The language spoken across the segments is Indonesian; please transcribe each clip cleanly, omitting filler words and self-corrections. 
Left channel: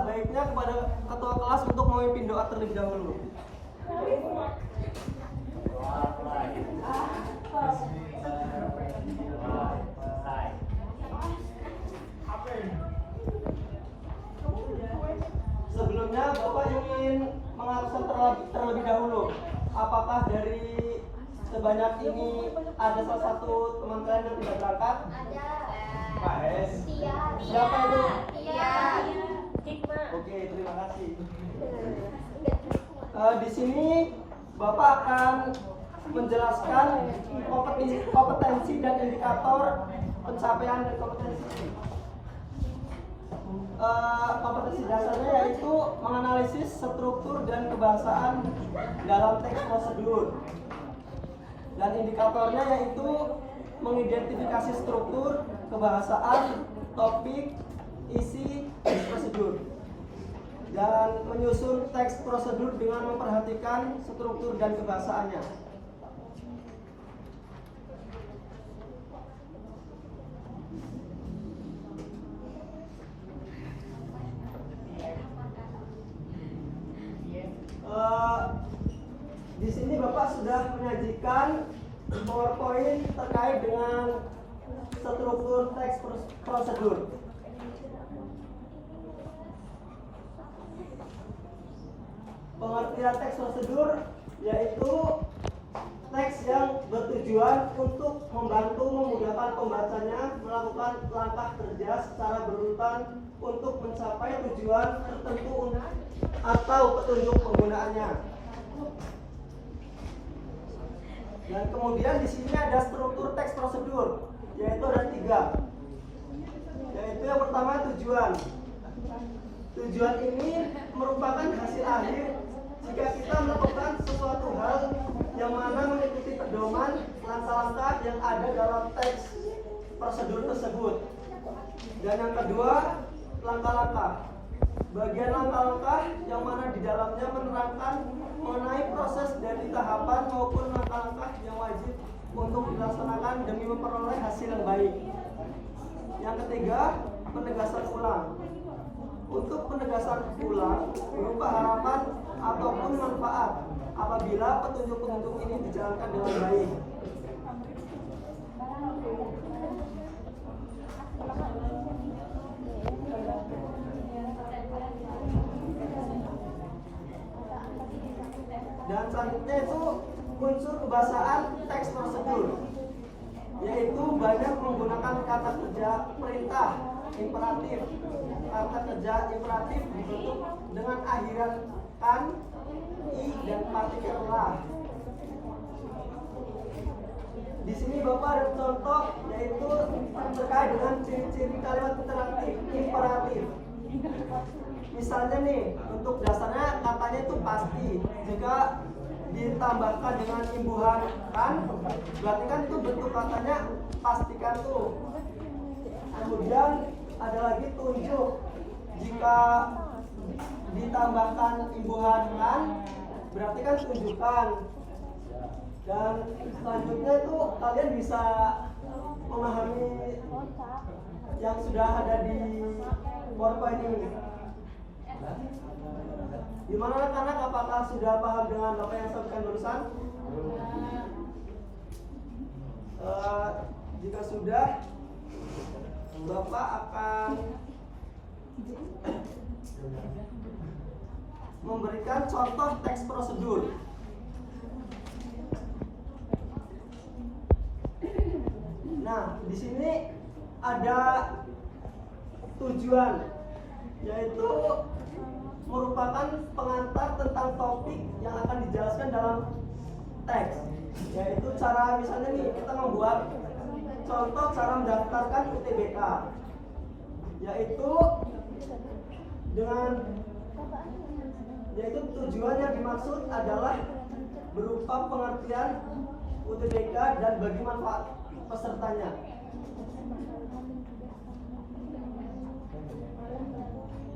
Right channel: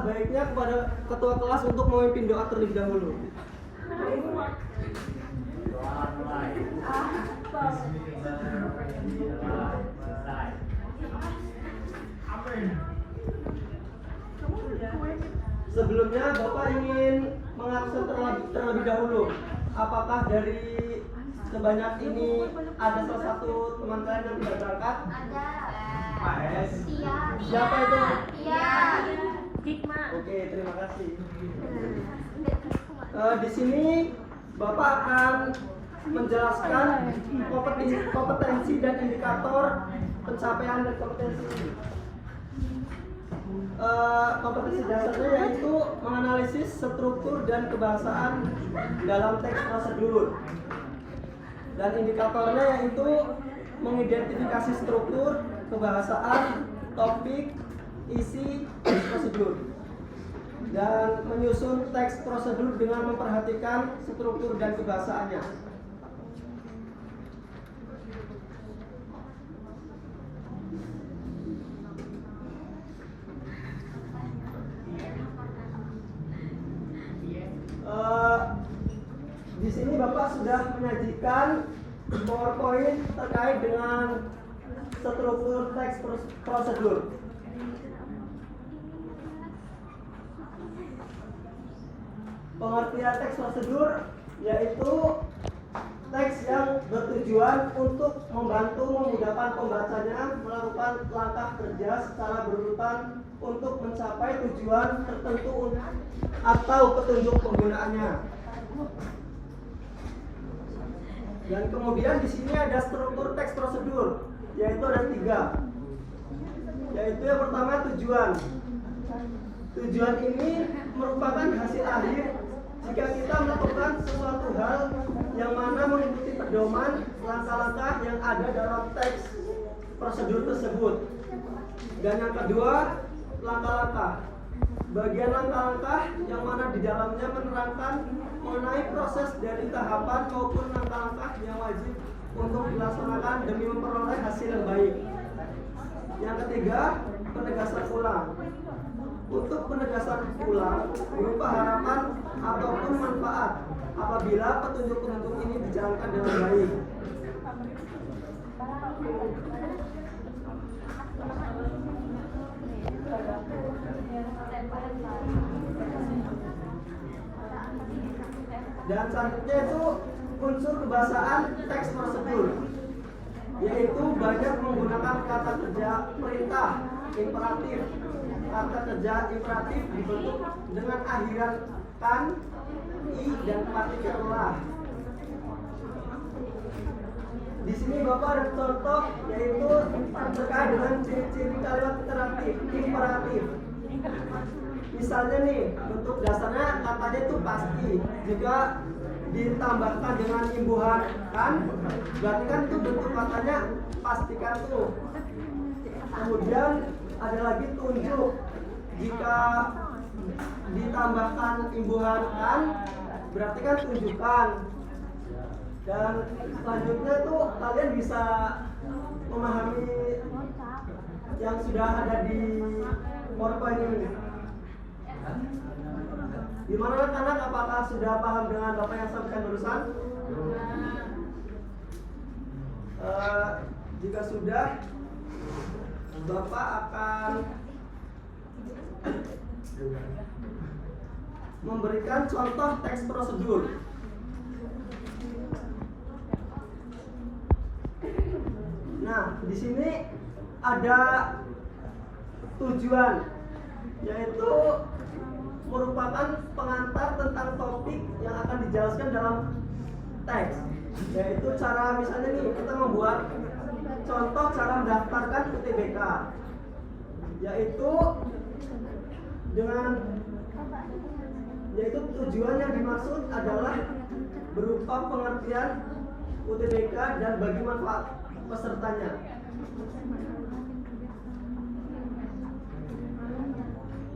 alangkah baiknya kepada ketua kelas untuk memimpin doa terlebih dahulu. Sebelumnya Bapak ingin mengabsen terlebih dahulu. Apakah dari sebanyak ini ada salah satu teman kalian yang tidak berangkat? Ada. Siapa itu? Iya. Oke, terima kasih. Di sini Bapak akan menjelaskan kompetensi dan indikator pencapaian dan kompetensi. Kompetensi dasarnya yaitu menganalisis struktur dan kebahasaan dalam teks prosedur, dan indikatornya yaitu mengidentifikasi struktur, kebahasaan, topik, isi teks prosedur, dan menyusun teks prosedur dengan memperhatikan struktur dan kebahasaannya. Di sini Bapak sudah menyajikan PowerPoint terkait dengan struktur teks prosedur. Pengertian teks prosedur yaitu teks yang bertujuan untuk membantu memudahkan pembacanya melakukan langkah kerja secara berurutan untuk mencapai tujuan tertentu atau petunjuk penggunaannya. Dan kemudian di sini ada struktur teks prosedur, yaitu ada 3. Yaitu yang pertama tujuan. Tujuan ini merupakan hasil akhir jika kita melakukan sesuatu hal yang mana mengikuti pedoman langkah-langkah yang ada dalam teks prosedur tersebut. Dan yang kedua, langkah-langkah. Bagian langkah-langkah yang mana di dalamnya menerangkan mengenai proses dari tahapan maupun langkah-langkah yang wajib untuk dilaksanakan demi memperoleh hasil yang baik. Yang ketiga, penegasan ulang. Untuk penegasan ulang berupa harapan ataupun manfaat apabila petunjuk-petunjuk ini dijalankan dengan baik. Dan selanjutnya itu unsur kebahasaan teks prosedur, yaitu banyak menggunakan kata kerja perintah, imperatif. Kata kerja imperatif dibentuk dengan akhiran kan, i, dan partikel lah. Di sini Bapak ada contoh yaitu terkait dengan ciri-ciri kalimat interaktif, imperatif. Misalnya nih, bentuk dasarnya katanya itu pasti. Jika ditambahkan dengan imbuhan kan, berarti kan itu bentuk katanya pastikan tuh. Kemudian ada lagi tunjuk. Jika ditambahkan imbuhan kan, berarti kan tunjukkan. Dan selanjutnya itu kalian bisa memahami yang sudah ada di PowerPoint ini. Gimana anak-anak, apakah sudah paham dengan Bapak yang sampaikan barusan? Jika sudah, Bapak akan memberikan contoh teks prosedur. Nah, di sini ada tujuan, yaitu merupakan pengantar tentang topik yang akan dijelaskan dalam teks. Yaitu cara, misalnya nih, kita membuat contoh cara mendaftarkan UTBK, yaitu tujuan yang dimaksud adalah berupa pengertian UTBK dan bagi manfaat pesertanya.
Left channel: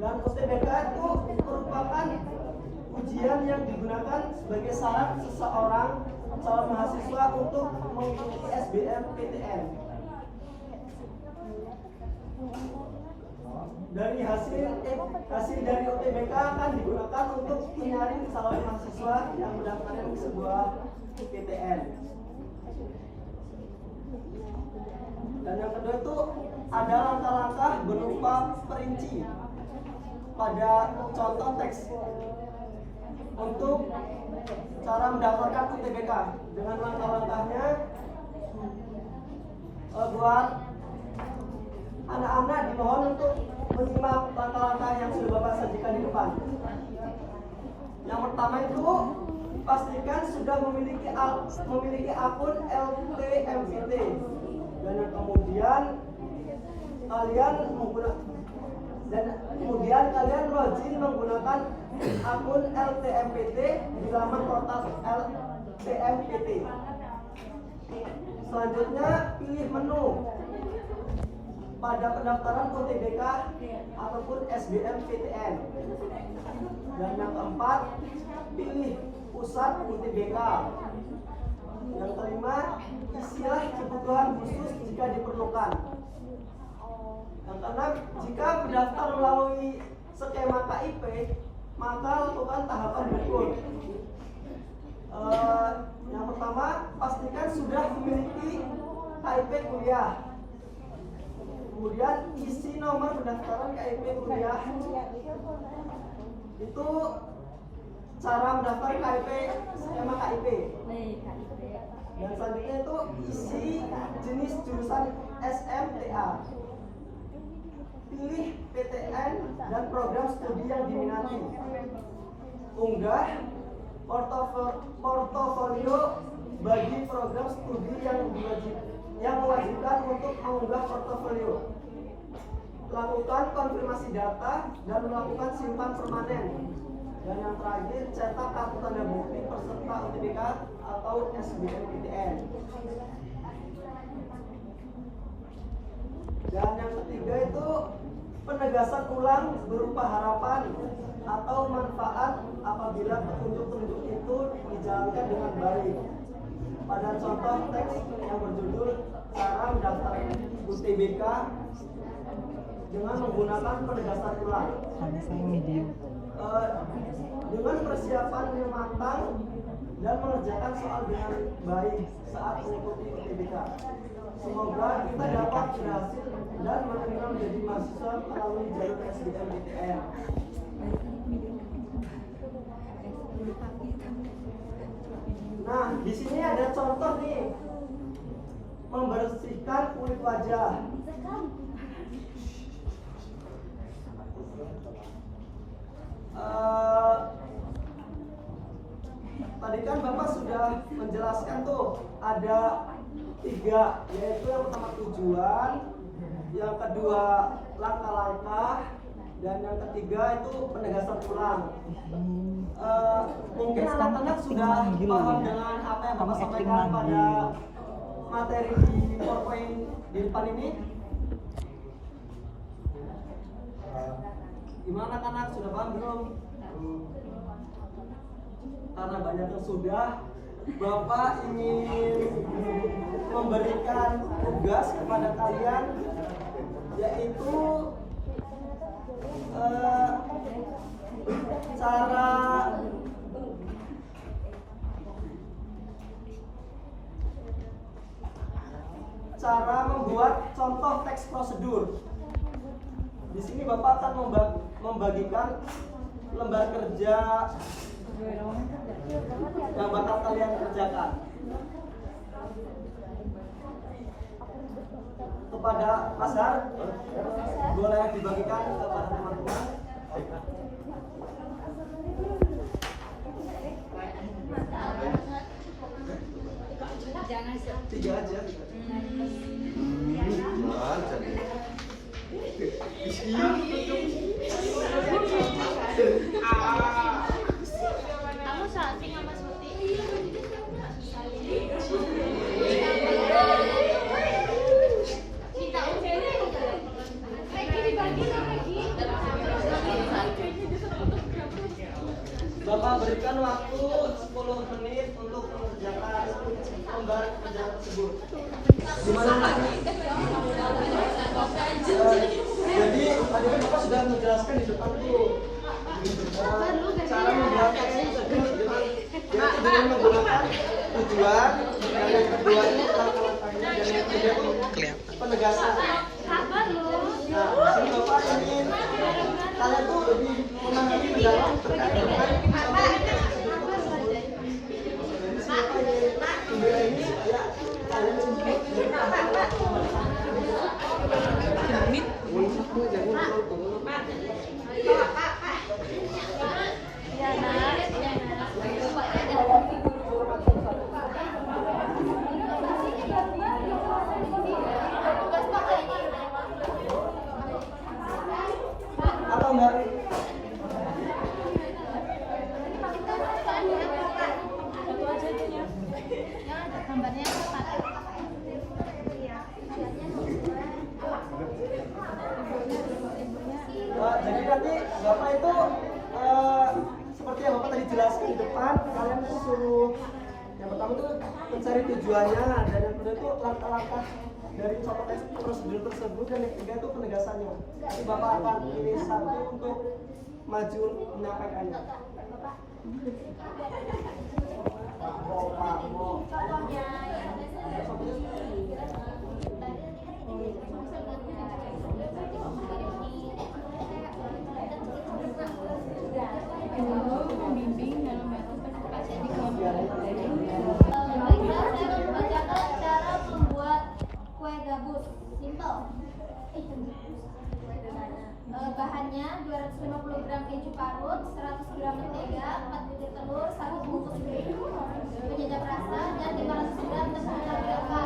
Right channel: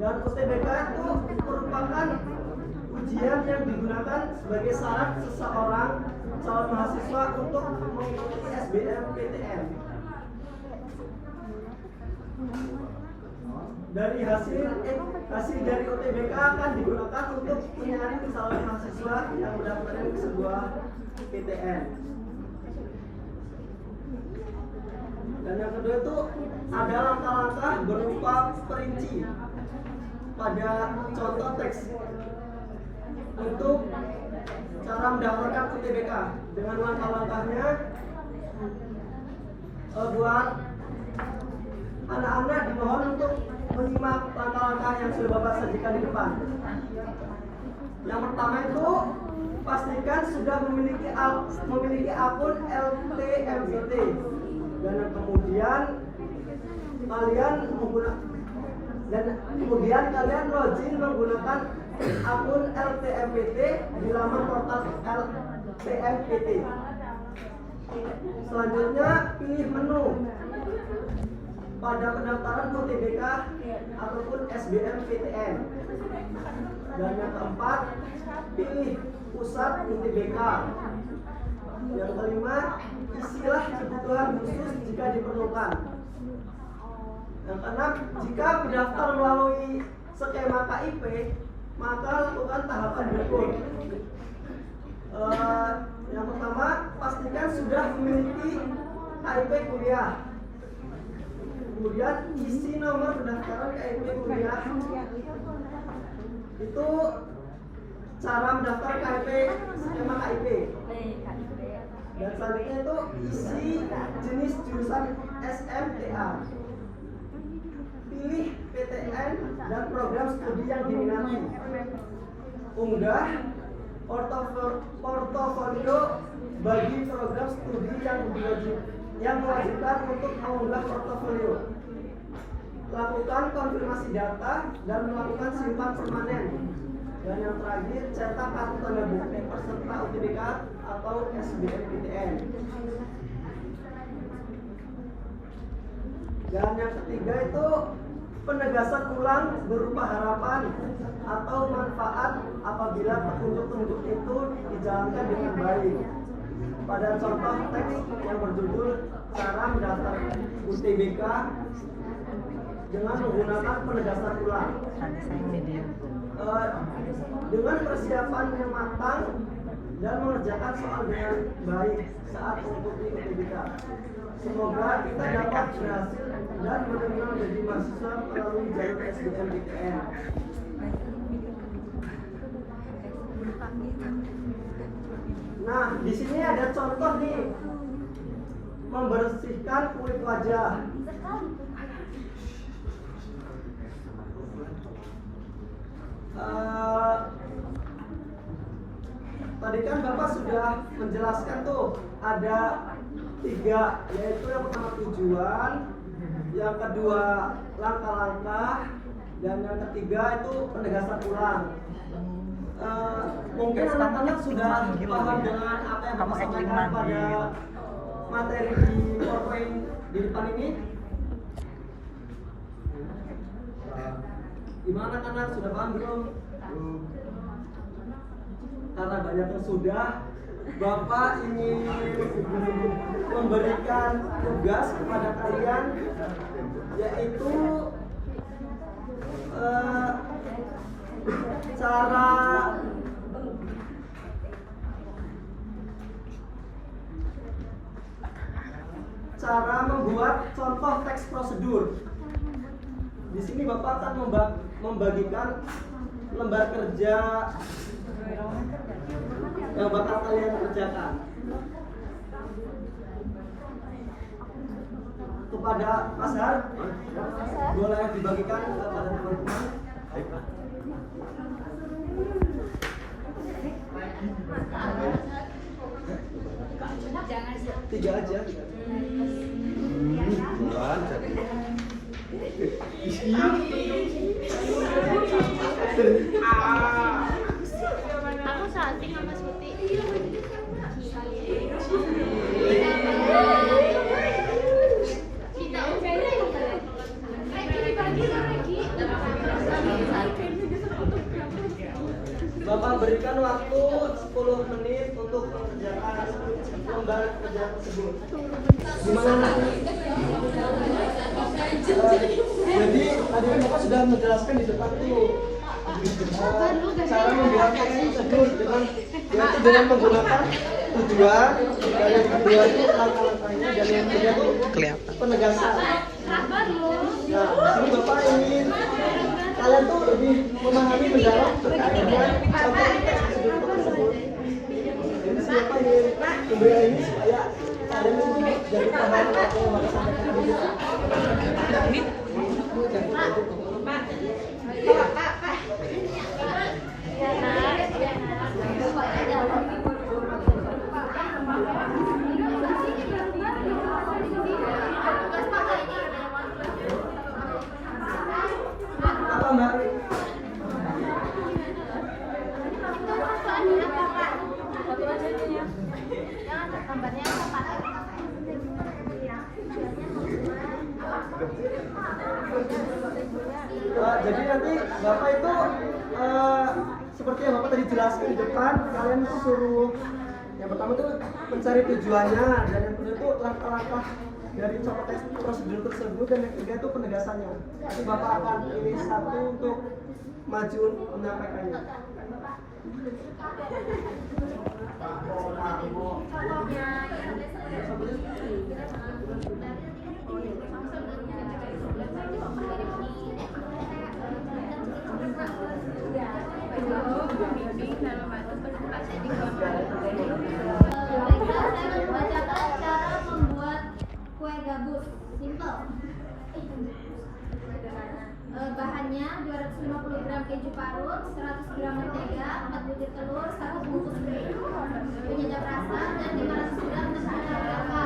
Dan UTBK itu merupakan ujian yang digunakan sebagai syarat seseorang calon mahasiswa untuk mengikuti SBMPTN. dari hasil dari UTBK akan digunakan untuk menyaring calon mahasiswa yang mendaftarkan ke sebuah PTN. Dan yang kedua itu ada langkah-langkah berupa perinci pada contoh teks untuk cara mendaftarkan UTBK. Dengan langkah-langkahnya buat anak-anak dimohon untuk menyimak langkah-langkah yang sudah Bapak sajikan di depan. Yang pertama itu pastikan sudah memiliki akun LTMPT, dan kemudian kalian login menggunakan akun LTMPT di laman portal LTMPT. Selanjutnya pilih menu pada pendaftaran UTBK ataupun SBMPTN. Dan yang keempat, pilih pusat UTBK. Yang kelima, isilah kebutuhan khusus jika diperlukan. Yang keenam, jika mendaftar melalui skema KIP, maka lakukan tahapan berikut. Yang pertama, pastikan sudah memiliki KIP kuliah. Kemudian isi nomor pendaftaran KIP kuliah. Itu cara mendaftar KIP skema KIP. Dan selanjutnya itu isi jenis jurusan SMTA. Pilih PTN dan program studi yang diminati. Unggah portofolio bagi program studi yang mewajibkan untuk mengunggah portofolio. Lakukan konfirmasi data dan melakukan simpan permanen. Dan yang terakhir, cetak kartu tanda bukti peserta UTBK atau SBMPTN. Dan yang ketiga itu penegasan ulang berupa harapan atau manfaat apabila petunjuk-petunjuk itu dijalankan dengan baik. Pada contoh teks yang berjudul cara mendaftar UTBK dengan menggunakan penegasan ulang. Dengan persiapan yang matang dan mengerjakan soal dengan baik saat mengikuti UTBK. Semoga kita dapat berhasil dan benar-benar menjadi mahasiswa melalui jalur SBMPTN. Nah, di sini ada contoh nih, membersihkan kulit wajah. Tadi kan Bapak sudah menjelaskan tuh ada 3, yaitu yang pertama tujuan, yang kedua langkah-langkah, dan yang ketiga itu penegasan ulang. Mungkin anak-anak sudah paham dengan apa yang Bapak sampaikan pada materi di PowerPoint di depan ini. Gimana anak-anak, sudah paham belum? Karena banyak yang sudah, Bapak ingin memberikan tugas kepada kalian, yaitu cara membuat contoh teks prosedur. Di sini Bapak akan membagikan lembar kerja yang bakal kalian kerjakan kepada Mas Har. Boleh dibagikan kepada teman-teman. Tiga aja. Aku santing sama Suti. Kita Bapak berikan waktu 10 menit untuk mengerjakan lembar kerja tersebut. Gimana? Jadi tadi kan Bapak sudah menjelaskan di depan tuh cara membuat teks prosedur yaitu dengan menggunakan tujuan, dan yang kedua itu langkah-langkahnya, dan yang ketiga itu penegasan. Nah, di sini Bapak ingin kalian tuh lebih memahami mendalam terkait dengan contoh teks prosedur tersebut. Jadi sini Bapak ingin memberikan ini supaya kalian itu jadi paham apa yang Bapak sampaikan di sini. Apa Mbak? Jadi nanti Bapak itu seperti yang Bapak tadi jelaskan di depan, kalian tuh suruh yang pertama tuh mencari tujuannya, dan yang kedua itu langkah-langkah dari contoh teks prosedur tersebut, dan yang ketiga itu penegasannya. Nanti Bapak akan pilih satu untuk maju menyampaikannya. Baiklah, saya akan membacakan cara membuat kue gabus. Simple. Bahannya 250 gram keju parut, 100 gram mentega, 4 butir telur, 1 bungkus susu, penyedap rasa, dan 500 gram tepung tapioka.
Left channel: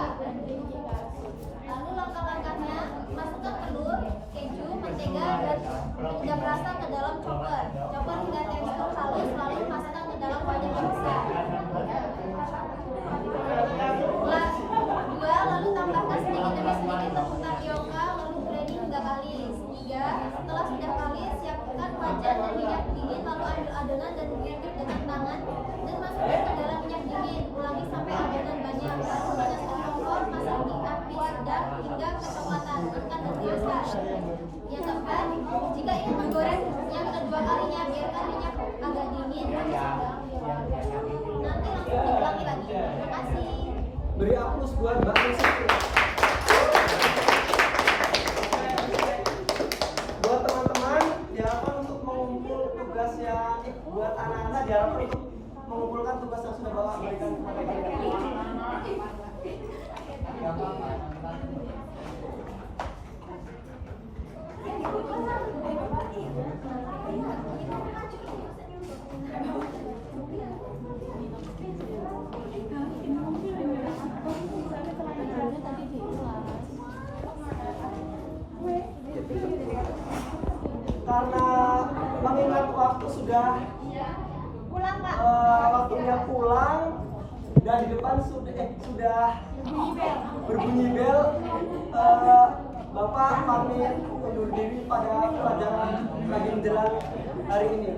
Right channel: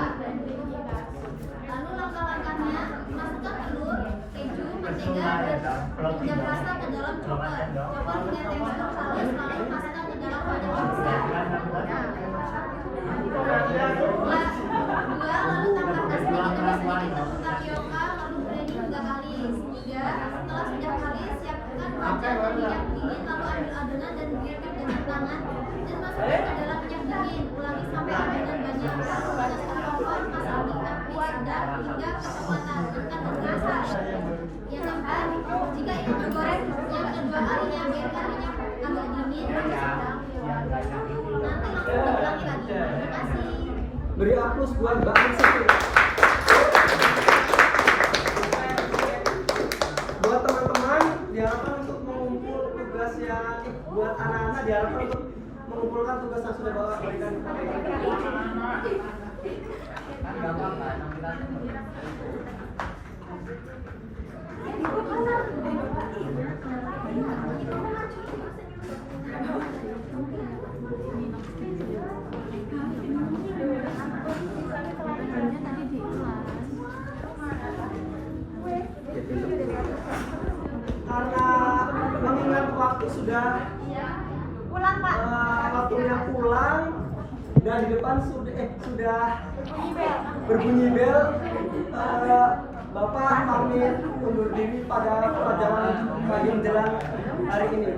Lalu langkah-langkahnya, masukkan telur, keju, mentega, dan penyedap rasa ke dalam chopper. Chopper hingga tekstur halus, lalu masukkan ke dalam wajan yang besar. Lalu tambahkan sedikit demi sedikit tepung tapioka, lalu blending hingga kalis. 3. Setelah sudah kalis, siapkan wajan dan minyak dingin, lalu ambil adonan dan giling dengan tangan dan masukkan ke dalam minyak dingin. Ulangi sampai adonan banyak. Lalu panaskan kompor, masak di api sedang hingga kecoklatan. Angkat dan masak. Yang keempat, jika ingin menggoreng yang kedua kalinya, biarkan minyak agak dingin dan sedang. Nanti langsung diulangi lagi. Terima kasih. Beri aplaus buat Mbak Ansati. Buat teman-teman diharapkan untuk mengumpul tugas yang buat anak-anak diharapkan untuk mengumpulkan tugas yang sudah Bapak berikan kepada kita. Karena mengingat waktu sudah Pulang, Pak. waktunya pulang, dan di depan sudah berbunyi bel, Bapak pamit undur diri pada pelajaran pagi menjelang hari ini.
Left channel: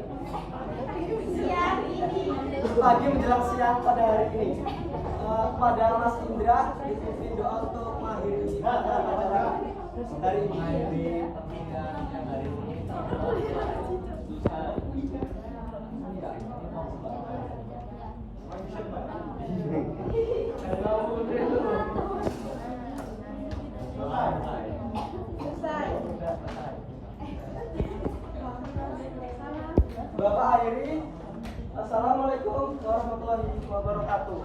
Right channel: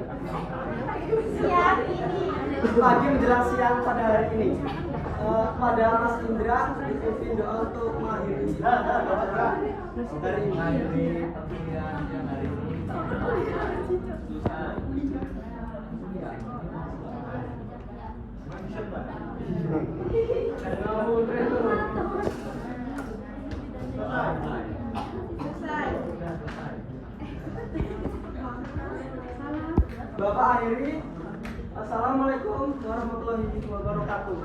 Pagi menjelang siang pada hari ini. Pada Mas Indra dipimpin doa untuk mengakhiri hari ini. Bapak akhiri. Assalamualaikum warahmatullahi wabarakatuh.